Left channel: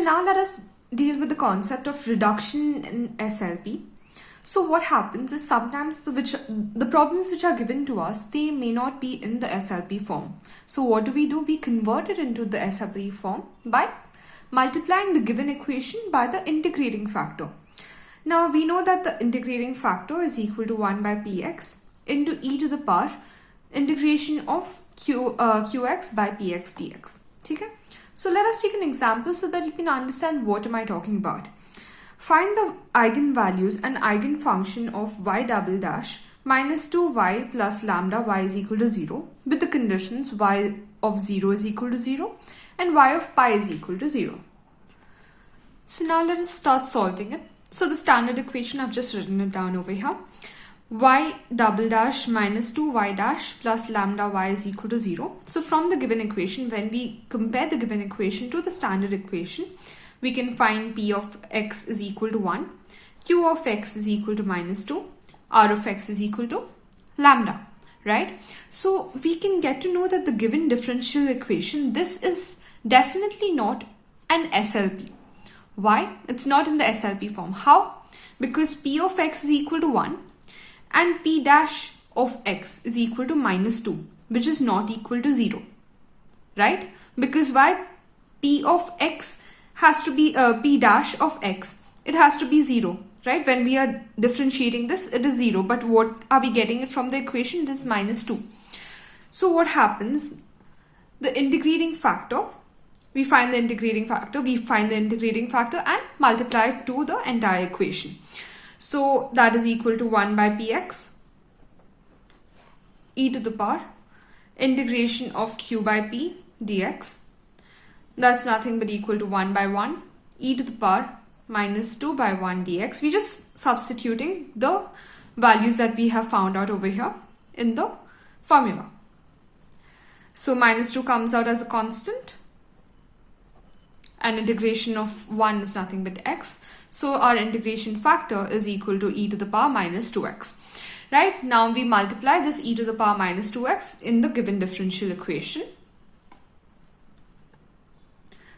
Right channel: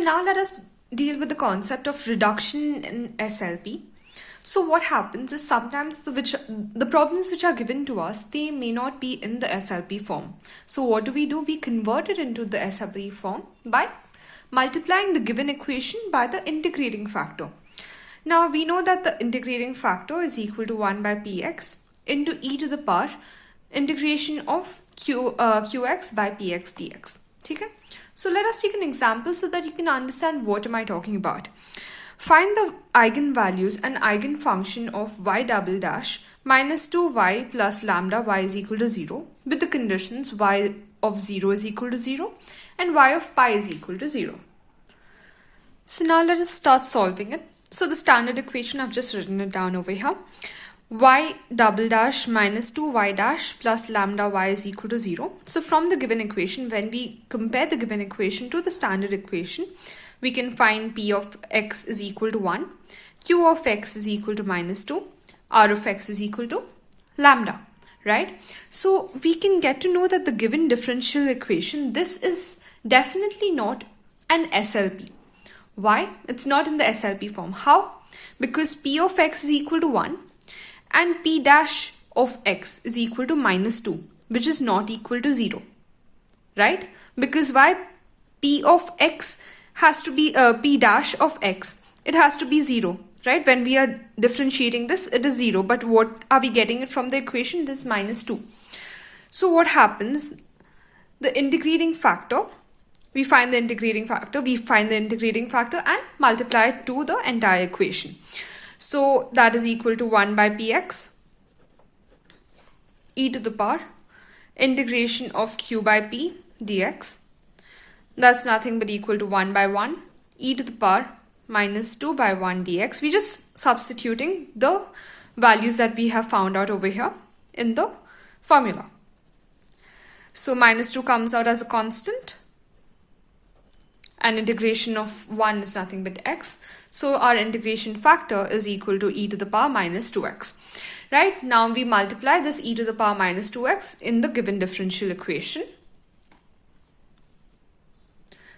So now let us deal with the concept of reduction in SLP. So what happens is sometimes the problems which are given to us, they may not be in the SLP form. So what do? We convert it into the SLP form by multiplying the given equation by the integrating factor. Now we know that the integrating factor is equal to 1 by px into e to the power integration of qx by px dx. Okay? So let us take an example so that you can understand what am I talking about. Find the eigenvalues and eigenfunction of y double dash minus 2y plus lambda y is equal to 0 with the conditions y of 0 is equal to 0 and y of pi is equal to 0. So now let us start solving it. So the standard equation, I've just written it down over here. Y double dash minus 2y dash plus lambda y is equal to 0. So from the given equation, when we compare the given equation to the standard equation, we can find p of x is equal to 1, q of x is equal to minus 2, r of x is equal to lambda, right? So we can get to know that the given differential equation, this is definitely not an SLP. Why? It's not in the SLP form. How? Because p of x is equal to 1 and p dash of x is equal to minus 2, which is not equal to 0, right? Because why? P of x has to be p dash of x. It has to be 0, right? When we are differentiating this, it is 0. But what are we getting it from the equation? This minus 2. So what happens? The integrating factor, we find the integrating factor and multiply it to the entire equation. So that is equal to 1 by px e to the power integration of q by p dx. That's nothing but equal to 1 by 1 e to the power minus 2 by 1 dx. We're just substituting the values that we have found out over here in the formula. So minus 2 comes out as a constant and integration of 1 is nothing but x. So our integration factor is equal to e to the power minus 2x. Right? Now we multiply this e to the power minus 2x in the given differential equation.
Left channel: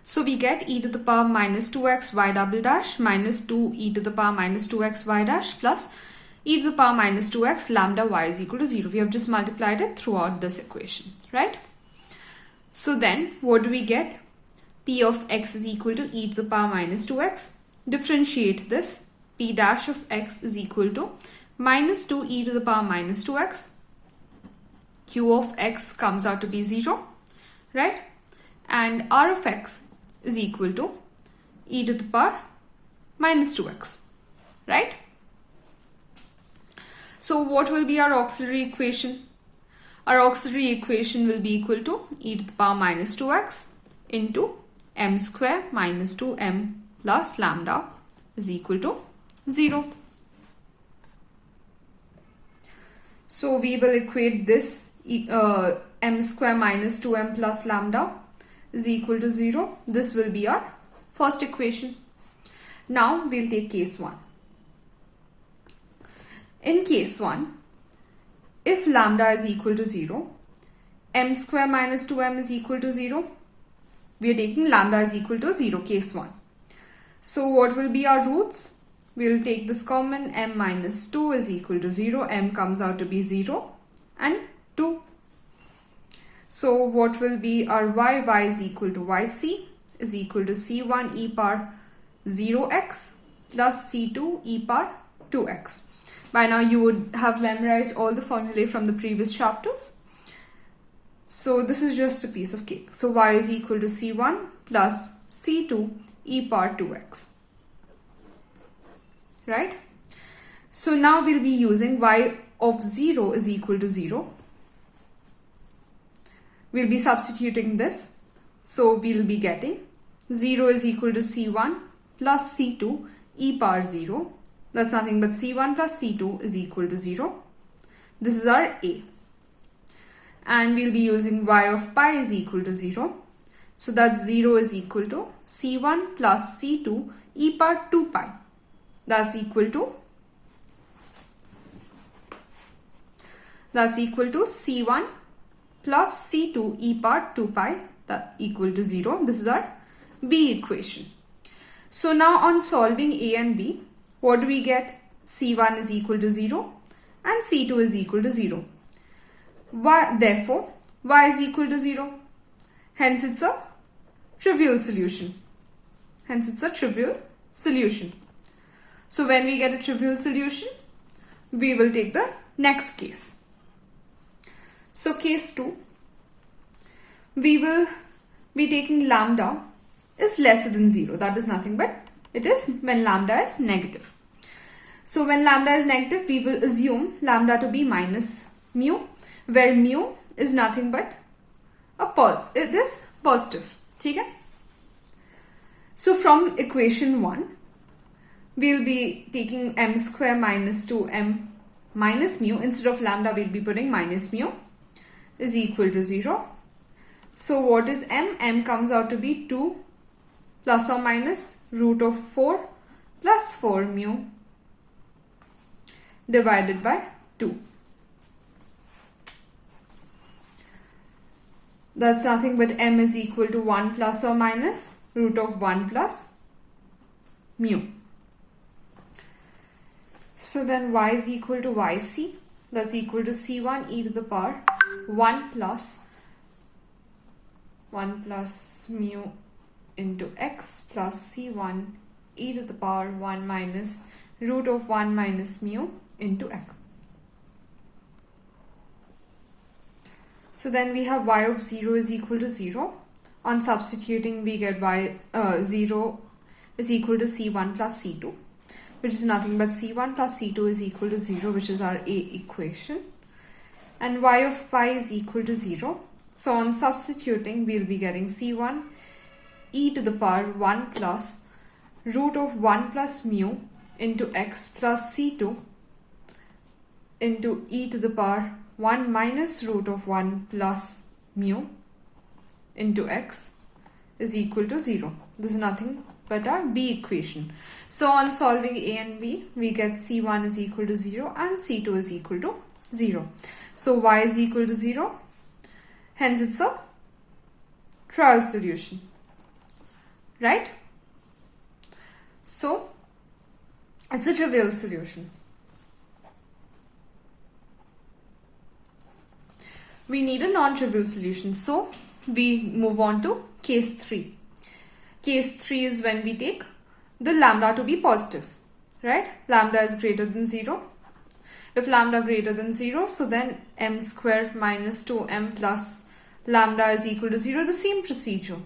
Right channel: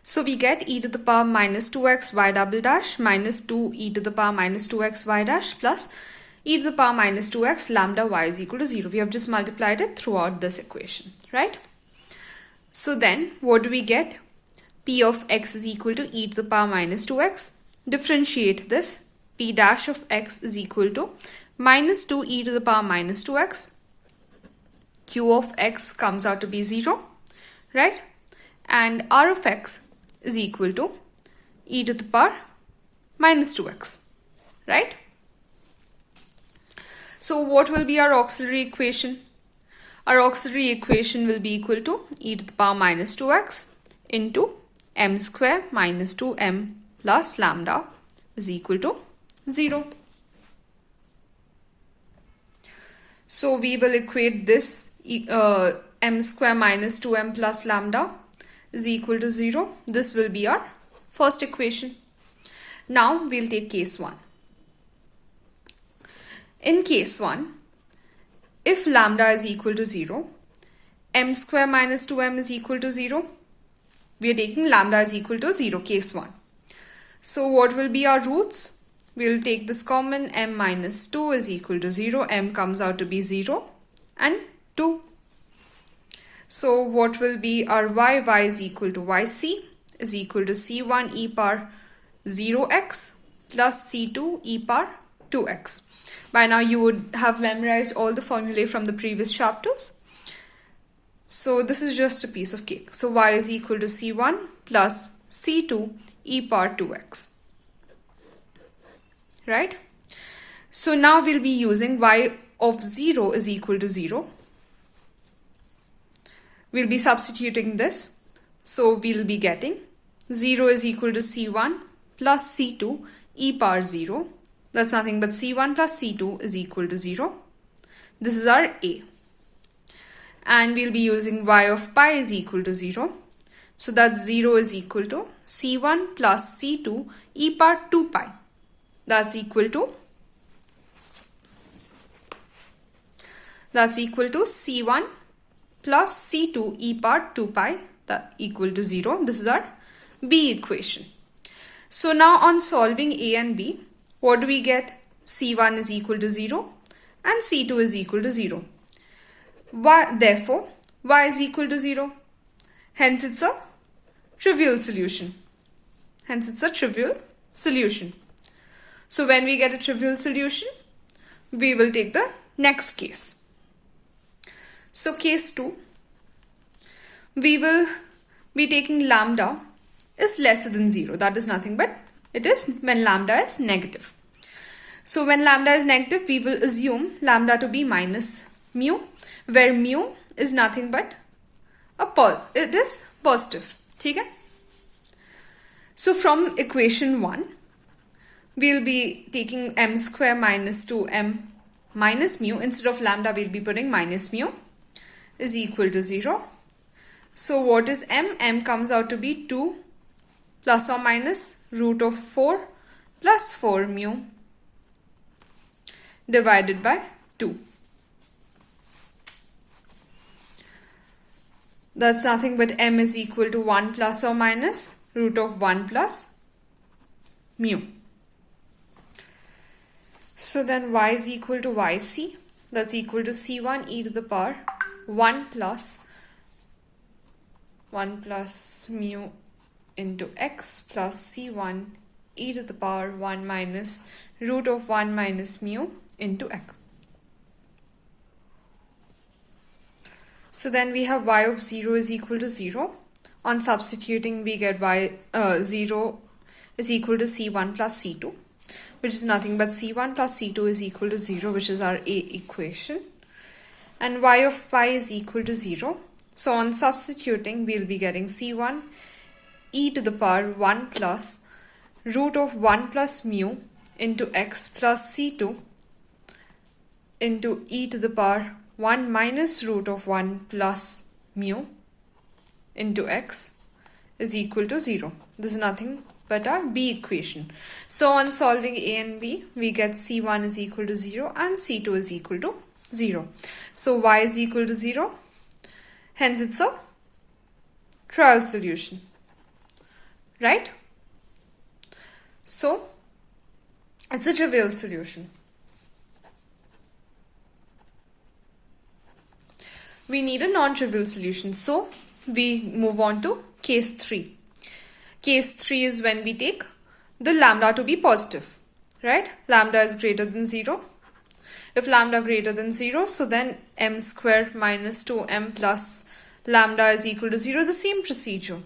So we get e to the power minus 2x y double dash minus 2 e to the power minus 2x y dash plus e to the power minus 2x lambda y is equal to 0. We have just multiplied it throughout this equation, right? So then what do we get? P of x is equal to e to the power minus 2x. Differentiate this. P dash of x is equal to minus 2 e to the power minus 2x. Q of x comes out to be 0, right? And r of x is equal to e to the power minus 2x, right? So what will be our auxiliary equation? Our auxiliary equation will be equal to e to the power minus 2x into m square minus 2m plus lambda is equal to 0. So we will equate this m square minus 2m plus lambda is equal to 0. This will be our first equation. Now we'll take case 1. In case 1, if lambda is equal to 0, m square minus 2m is equal to 0. We are taking lambda is equal to 0, case 1. So what will be our roots? We will take this common, m minus 2 is equal to 0. M comes out to be 0 and 2. So what will be our y? Y is equal to yc is equal to c1 e power 0x plus c2 e power 2x. By now you would have memorized all the formulae from the previous chapters. So this is just a piece of cake. So y is equal to c1 plus c2 e power 2x. Right? So now we'll be using y of 0 is equal to 0. We'll be substituting this. So we'll be getting 0 is equal to c1 plus c2 e power 0. That's nothing but c1 plus c2 is equal to 0. This is our a. And we'll be using y of pi is equal to 0. So that's 0 is equal to c1 plus c2 e power 2 pi. That's equal to c1 plus c2 e power 2 pi, that equal to 0. This is our b equation. So now on solving A and B, what do we get? C1 is equal to 0 and C2 is equal to 0. Therefore, y is equal to 0. Hence, it's a trivial solution. So when we get a trivial solution, we will take the next case. So case 2, we will be taking lambda is lesser than 0. That is nothing but it is when lambda is negative. So when lambda is negative, we will assume lambda to be minus mu, where mu is nothing but it is positive. Okay? So from equation 1, we will be taking m square minus 2m minus mu. Instead of lambda, we will be putting minus mu is equal to 0. So what is m? M comes out to be 2 plus or minus root of 4 plus 4 mu divided by 2. That's nothing but m is equal to 1 plus or minus root of 1 plus mu. So then y is equal to yc. That's equal to c1 e to the power 1 plus mu into x plus c1 e to the power 1 minus root of 1 minus mu into x. So then we have y of 0 is equal to 0. On substituting, we get y 0 is equal to c1 plus c2, which is nothing but c1 plus c2 is equal to 0, which is our A equation. And y of pi is equal to 0. So on substituting, we'll be getting c1 e to the power 1 plus root of 1 plus mu into x plus c2 into e to the power 1 minus root of 1 plus mu into x is equal to 0. This is nothing but our B equation. So on solving A and B, we get C1 is equal to 0 and C2 is equal to 0. So y is equal to 0. Hence it's a trial solution. Right? So it's a trivial solution. We need a non-trivial solution. So we move on to case 3. Case 3 is when we take the lambda to be positive. Right? Lambda is greater than 0. If lambda greater than 0, so then m square minus 2m plus lambda is equal to 0. The same procedure.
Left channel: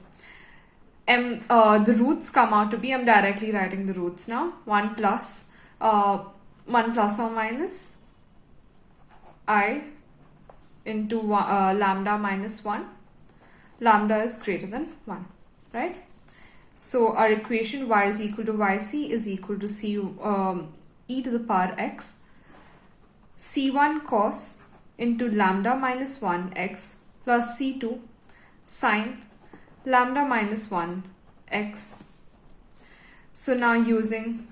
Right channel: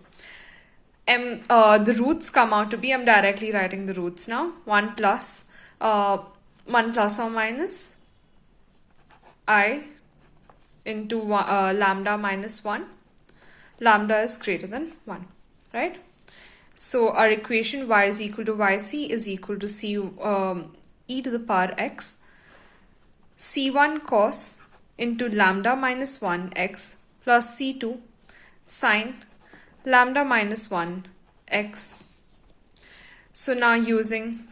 The roots come out to be, I'm directly writing the roots now, 1 plus or minus I into lambda minus 1. Lambda is greater than 1, right? So our equation y is equal to yc is equal to e to the power x c1 cos into lambda minus 1 x plus c2 sine lambda minus 1 x. So now using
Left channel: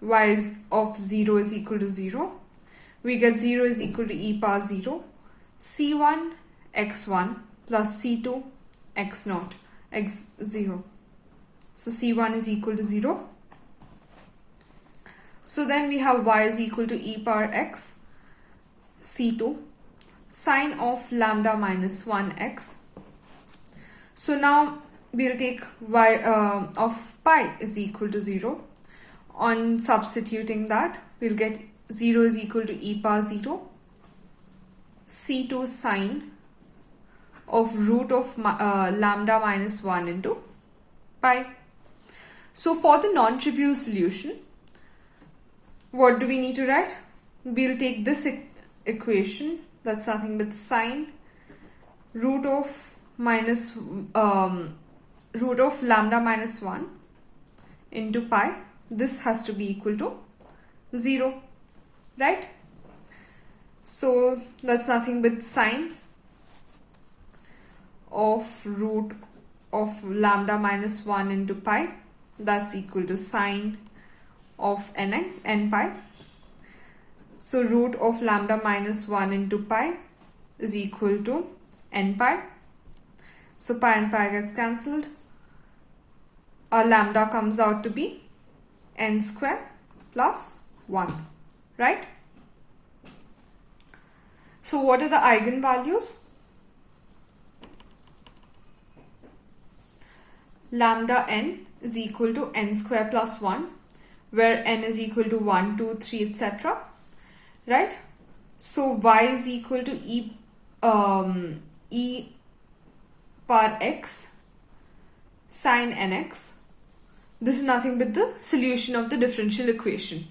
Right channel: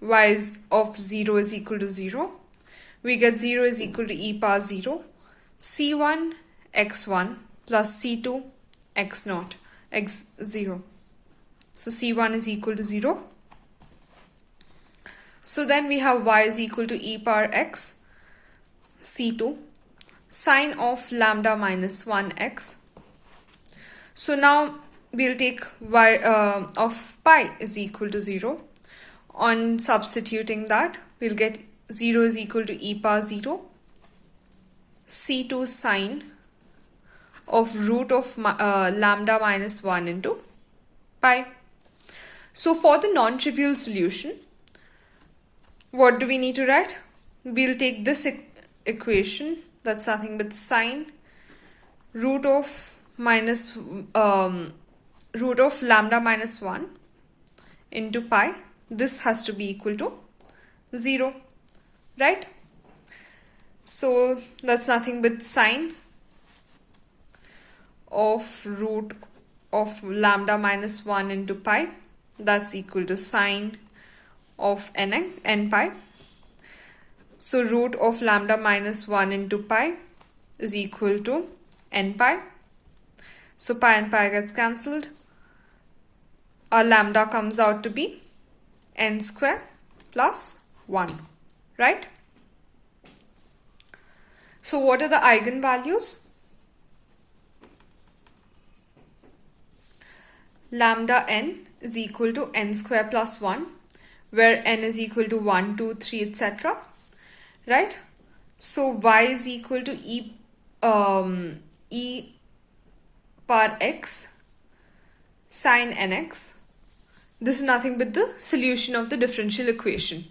y of 0 is equal to 0, we get 0 is equal to e power 0 c1 x1 plus c2 x0 x0. So c1 is equal to 0. So then we have y is equal to e power x c2 sine of lambda minus 1 x. So now we'll take y of pi is equal to 0. On substituting that, we'll get 0 is equal to e power 0 c2 sine of root of lambda minus 1 into pi. So for the non-trivial solution, what do we need to write? We'll take this equation, that's nothing but sine root of lambda minus 1 into pi. This has to be equal to 0, right? So that's nothing but sine of root of lambda minus 1 into pi. That's equal to sine of n pi. So root of lambda minus 1 into pi is equal to n pi. So pi and pi gets cancelled. our lambda comes out to be n square plus 1, right? So what are the eigenvalues? Lambda n is equal to n square plus 1, where n is equal to 1, 2, 3, etc. Right? So y is equal to e power x sine nx. This is nothing but the solution of the differential equation.